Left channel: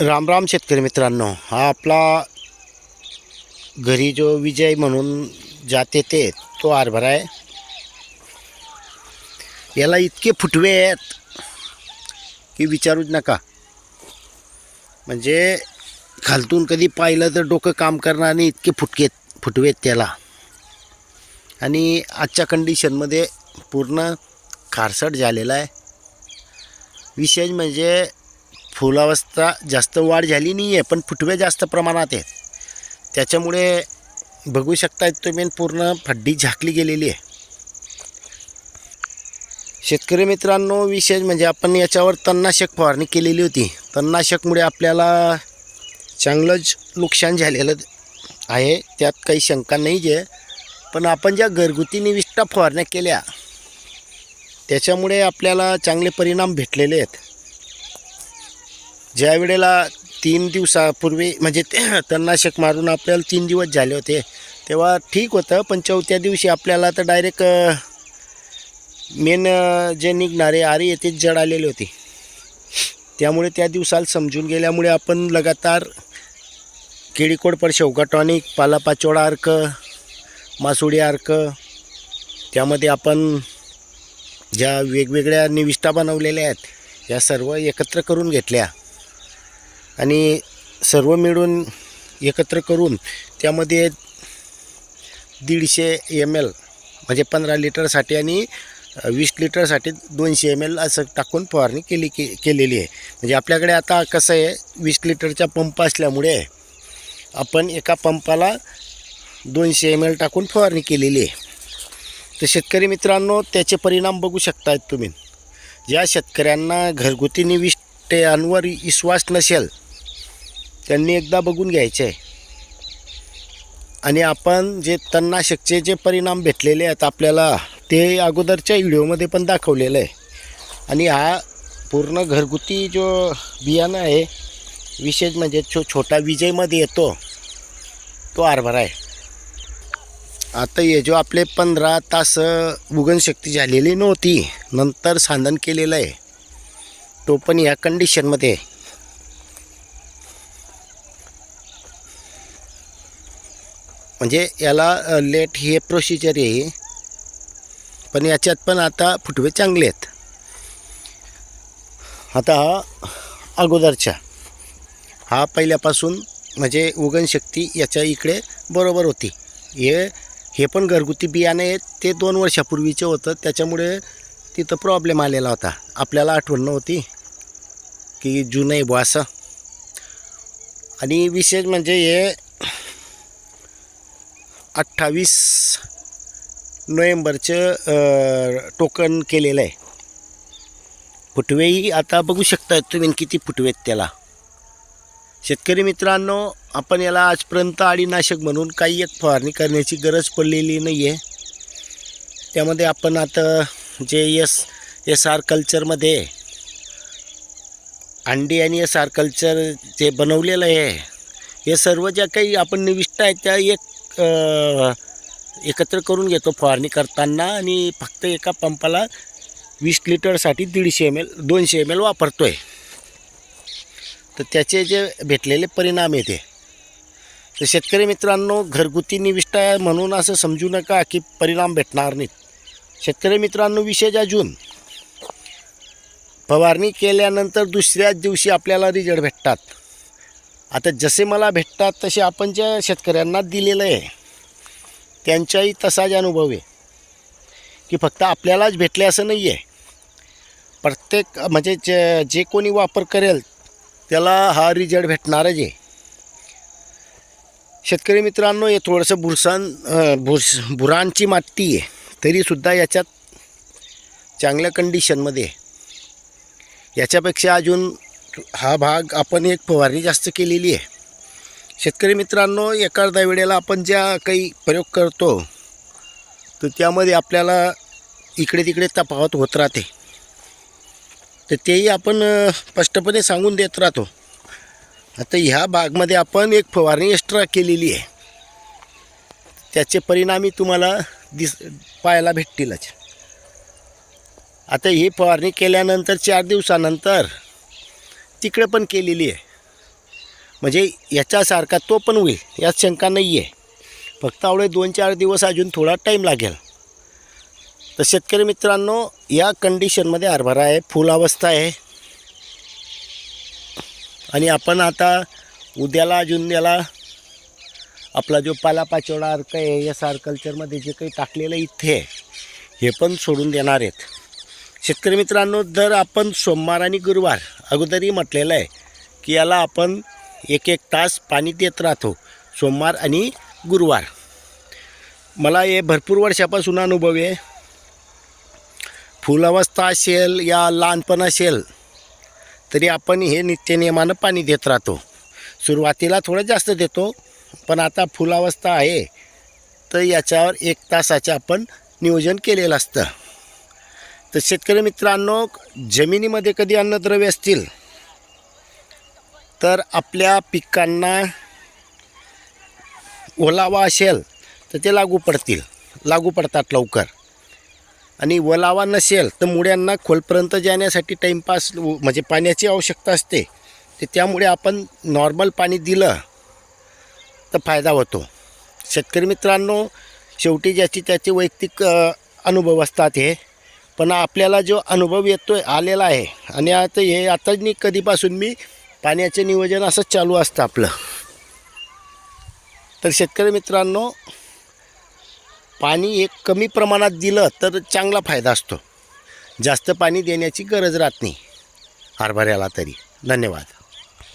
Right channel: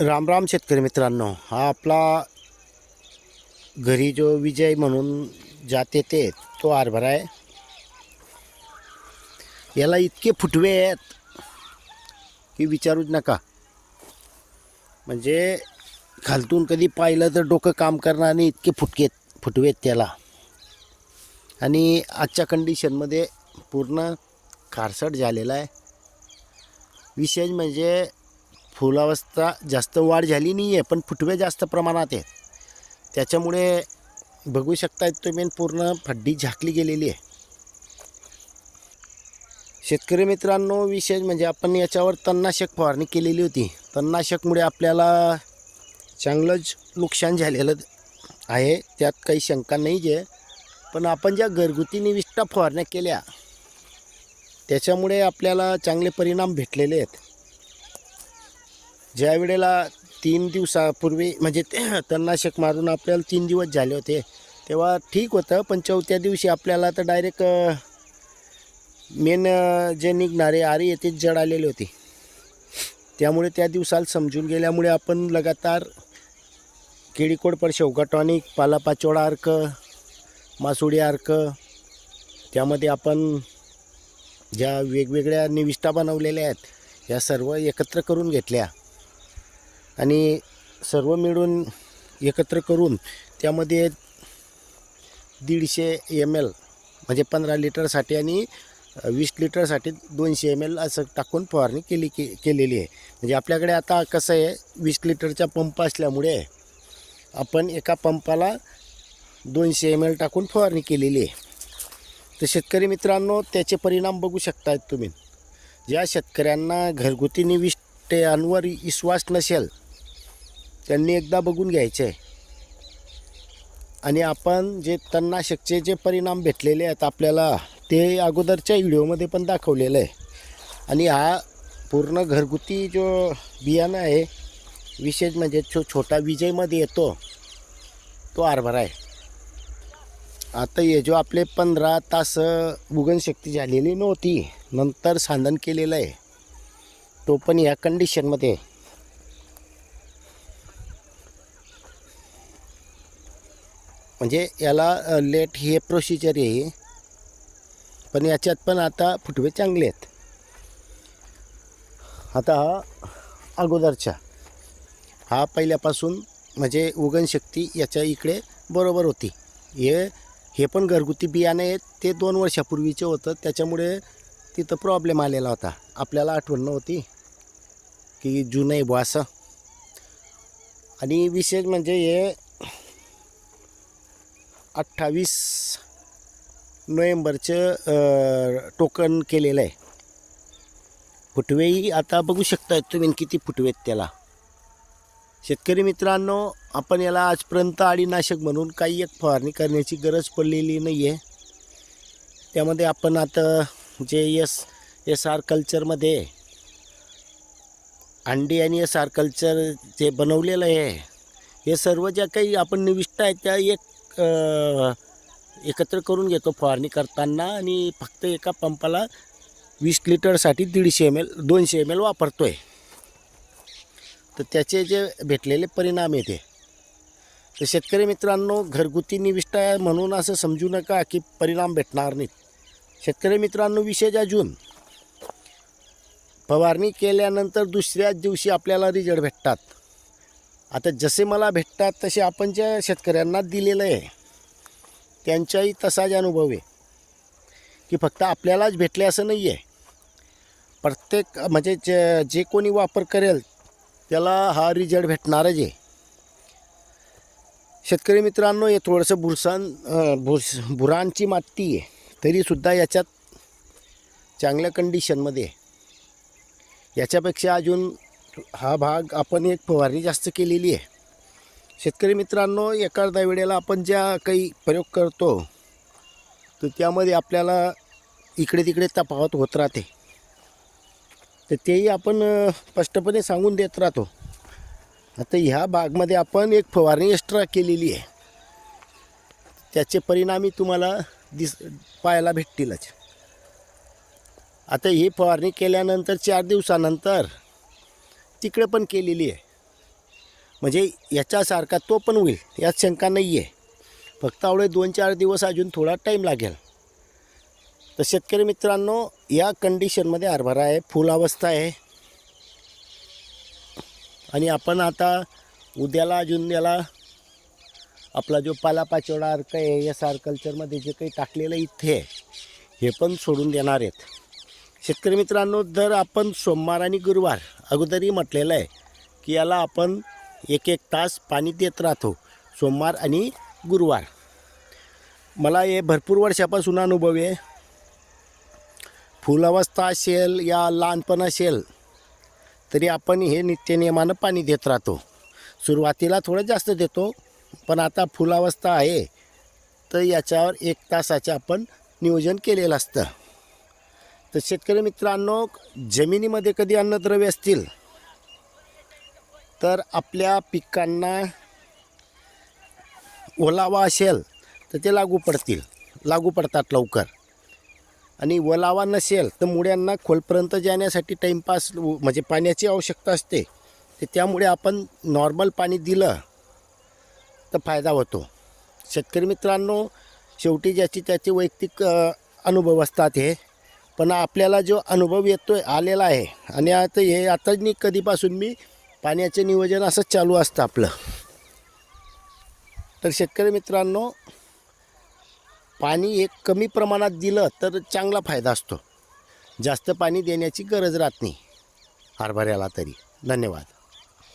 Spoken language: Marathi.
राम राम शेतकरी मित्रांनो हा आपला घरी जो विजय म्हणून जाते ते तो हरभरा आहे. याला इतके फुटवे आहेत की विचारूच नका. म्हणजे खालतून कधी पाहिलं तर डोकं काम करणार आणि इतके फुटके फुटवे आहेत त्याला. आणि आजच्या कंडिशनमध्ये पूर्ण खारसट झालेला आहे. विशेष म्हणजे फुलावस्था जास्त वाढ झाली नाही आहे पण फुटवे जास्त प्रमाणात आहेत. त्याच्यामुळे बघू शकता तुम्ही पूर्ण फड्डी झाकली गेलेली आहे. शेतकरी मित्रांनो विशेष म्हणजे आपण याच्यावर तणनाशक फवारणी केलेली होती. तणनाशकमुळे आपल्याला चांगलंच नुकसान झालेलं आहे. त्यात काही शंका नाही आहे पण आपण ज्या घरगुती निविष्ठा फवारण्या केल्या त्याच्यामुळे आपल्याला चांगले परिणाम भेटलेले आहेत. ज्या वेळेला तीन दिवसापूर्वी म्हणजे ते तणनाशक मारून आपल्याला तीन दिवस झाले होते तेव्हा ठीक होतं पण चौथ्या दिवशी आपल्याला तर डायरेक्ट मेन जे निघणारे आरे येते जड आलेले होते. त्यामुळे त्या दिवसाला समजून गेल्यामुळे आपण लगातार केळीकोडपर शेवगा टॉनिक पालापाचोळा अर्क मासुडी अर्क त्यामध्ये आपण ज्या वेगवेगळ्या निविष्ठा बनवलेल्या आहेत या सर्व एकत्र करून घेतल्या. आणि सर्व मिळून एकत्र करून त्यामध्ये दीडशे एम एल म्हणजे पंधरा लिटरसाठी आणि वीस लिटरसाठी दोनशे एम एल असं टाकून फवारणी केली के केलेली आहे. म्हणजे आपल्याकडे आता कसं आहे वीस लिटरचा पंप असल्यामुळे आपण एका पंपाला दोनशे एम एल टाकून फवारणी केलेली आहे. तर शेतकरी मित्रांनो त्याचे परिणाम बघू शकतायत तुम्ही. ज्या शेतकऱ्यांना घरगुती निविष्टयांवर विश्वास नसेल त्यांनी एकदा बघून घ्यायचे. आहे आणि आपण जे तणनाशकचे जे परिणाम भेटलेले आहेत आपल्याला ते अगोदरच्या व्हिडिओमध्ये पण दाखवलेलं आहे. आणि हा पूर्ण घरगुती जो बियाणं आहे विशेष म्हणजे छो छोटा विजयमध्ये येतो तो हरभरा आहे. आता हे जो आपले पंधरा तास उगणशक्ती झालेली नव्हती नंतर सांधन केलेलं आहे तो पण या कंडिशनमध्ये आहे. म्हणजे याला लेट हे प्रोसिजर आहे. पण याच्यात पण आता फुटवे चांगले आहेत. आता हा अगोदरच्या. हा पहिल्यापासून म्हणजे उगणशक्ती याच्या इकडे बरोबर होती. हे हे पण घरगुती बियाणे आहेत. ते दोन वर्षापूर्वीचे होतं. त्याच्यामुळे तिथं प्रॉब्लेम आलेला होता. आपल्याला आठवण नव्हती की जुनं बुवा असं. आणि विशेष म्हणजे हे अठ्ठावीस नोव्हेंबरचं टोकन केलेलं आहे. फुटवेही आता बघू शकता तुम्ही किती फुटवे आहेत त्याला. शेतकरी मित्रांनो आपण याला आजपर्यंत अळीनाशक म्हणून काही एक फवारणी करण्याची गरज पडलेली नाही आहे त्यामध्ये आपण आता जे एस एस आर कल्चरमध्ये अंडी आणि एस आर कल्चर जे बनवलेलं आहे हे सर्व ज्या काही आपण निविष्ट आहेत त्या एक एकत्र करून घेतो फवारणी करताना आणि फक्त एका पंपाला वीस लिटरसाठी दीडशे एम एल दोनशे एम एल वापरतो आहे तर त्याचे जे भेटलेले परिणाम येते तर शेतकरी मित्रांनो घरगुती निविष्ट आहे म्हणून असं समजू नका की परिणाम भेटणार नाहीत. शेतकरी मित्रांनो विशेष अजून. फवारणी केल्यानंतर दुसऱ्याच दिवशी आपल्याला रिझल्ट भेटतात. आता जसे मला भेटतात तसे आपण ज्या शेतकऱ्यांना दिलेलं आहे त्यांचाही तसाच अनुभव आहे. की फक्त आपल्यालाच भेटले असं नाही आहे प्रत्येक म्हणजे जे जे कोणी वापर करेल त्याला हा रिझल्ट भेटणारच आहे. शेतकरी मित्रांनो हे थोडंसं बुरसान बुरस बुरांची माती आहे. तरीसुद्धा याच्यात चांगल्या कंडिशनमध्ये याच्यापेक्षा अजून हा भाग आपण एक फवारणी जास्त केलेली आहे. शेतकरी मित्रांनो एखाद्या वेळेला आपण ज्या काही प्रयोग करतो तर त्यामध्ये आपल्याला इकडे तिकडे तफावत होत राहते. तर तेही आपण स्पष्टपणे सांगून देत राहतो. आता ह्या भागमध्ये आपण एक फवारणी एक्स्ट्रा केलेली आहे. त्याचे परिणामी तुम्हाला दिस पाहायला भेटतीलच. आता ही फवारणी केल्यानंतर चार दिवसानंतर तिकडे पण केलेली आहे. म्हणजे याच्यासारखा तो पण होईल यात शंका नाही आहे फक्त आवडे दोन चार दिवस अजून थोडा टाईम लागेल. तर शेतकरी मित्रांनो या कंडिशनमध्ये हरभरा आहे फुल अवस्था आहे. आणि आपण आता उद्याला अजून याला आपला जो पालापाचोळा अर्क आहे या सार्कल्चरमध्ये जे काही टाकलेलं इथे आहे, हे पण सोडून देणार आहेत. शेतकरी मित्रांनो जर आपण सोमवार आणि गुरुवार अगोदरही म्हटलेलं आहे की याला आपण एक एक तास पाणी देत राहतो सोमवार आणि गुरुवार. मला हे भरपूर वर्षापासून अनुभव आहे. फुलावस्था असेल या लहानपण असेल तरी आपण हे नित्यनियमानं पाणी देत राहतो. सुरुवातीला थोडं जास्त देतो पण आता फुलावस्था आहे तर याच्यावर एक तासाचे आपण नियोजन केलेलं असतं. तर शेतकरी मित्रांनो जमिनीमध्ये कधी अन्नद्रव्य असतील तर आपल्या पिकांना ओलावा असेल तर ते लागू पडतील. लागू पडतात लवकर. आणि ओलावा नसेल तर मुळ्यांना खोलपर्यंत जाण्यासाठी टाईमपास म्हणजे पाण्याची आवश्यकता असते. तर त्यामुळे आपण नॉर्मल पाणी दिलं तर फायदा होतो. शेतकरी मित्रांनो शेवटी ज्याची त्याचे वैयक्तिक अनुभव असतात हे. पण आपल्याला जो अनुभव येतो आहे आलेला आहे. आणि आता हे आता मी कधीपासून मी पाण्याचं नियोजन असंच चालू असतं आपलं. तर शेतकरी मित्रांनो पाणी एक कमी प्रमाणात दिलं तर चांगला फायदा असतो. जास्त पाणी देण्याची गरज राहत नाही. हरभऱ्याला तरी. धन्यवाद.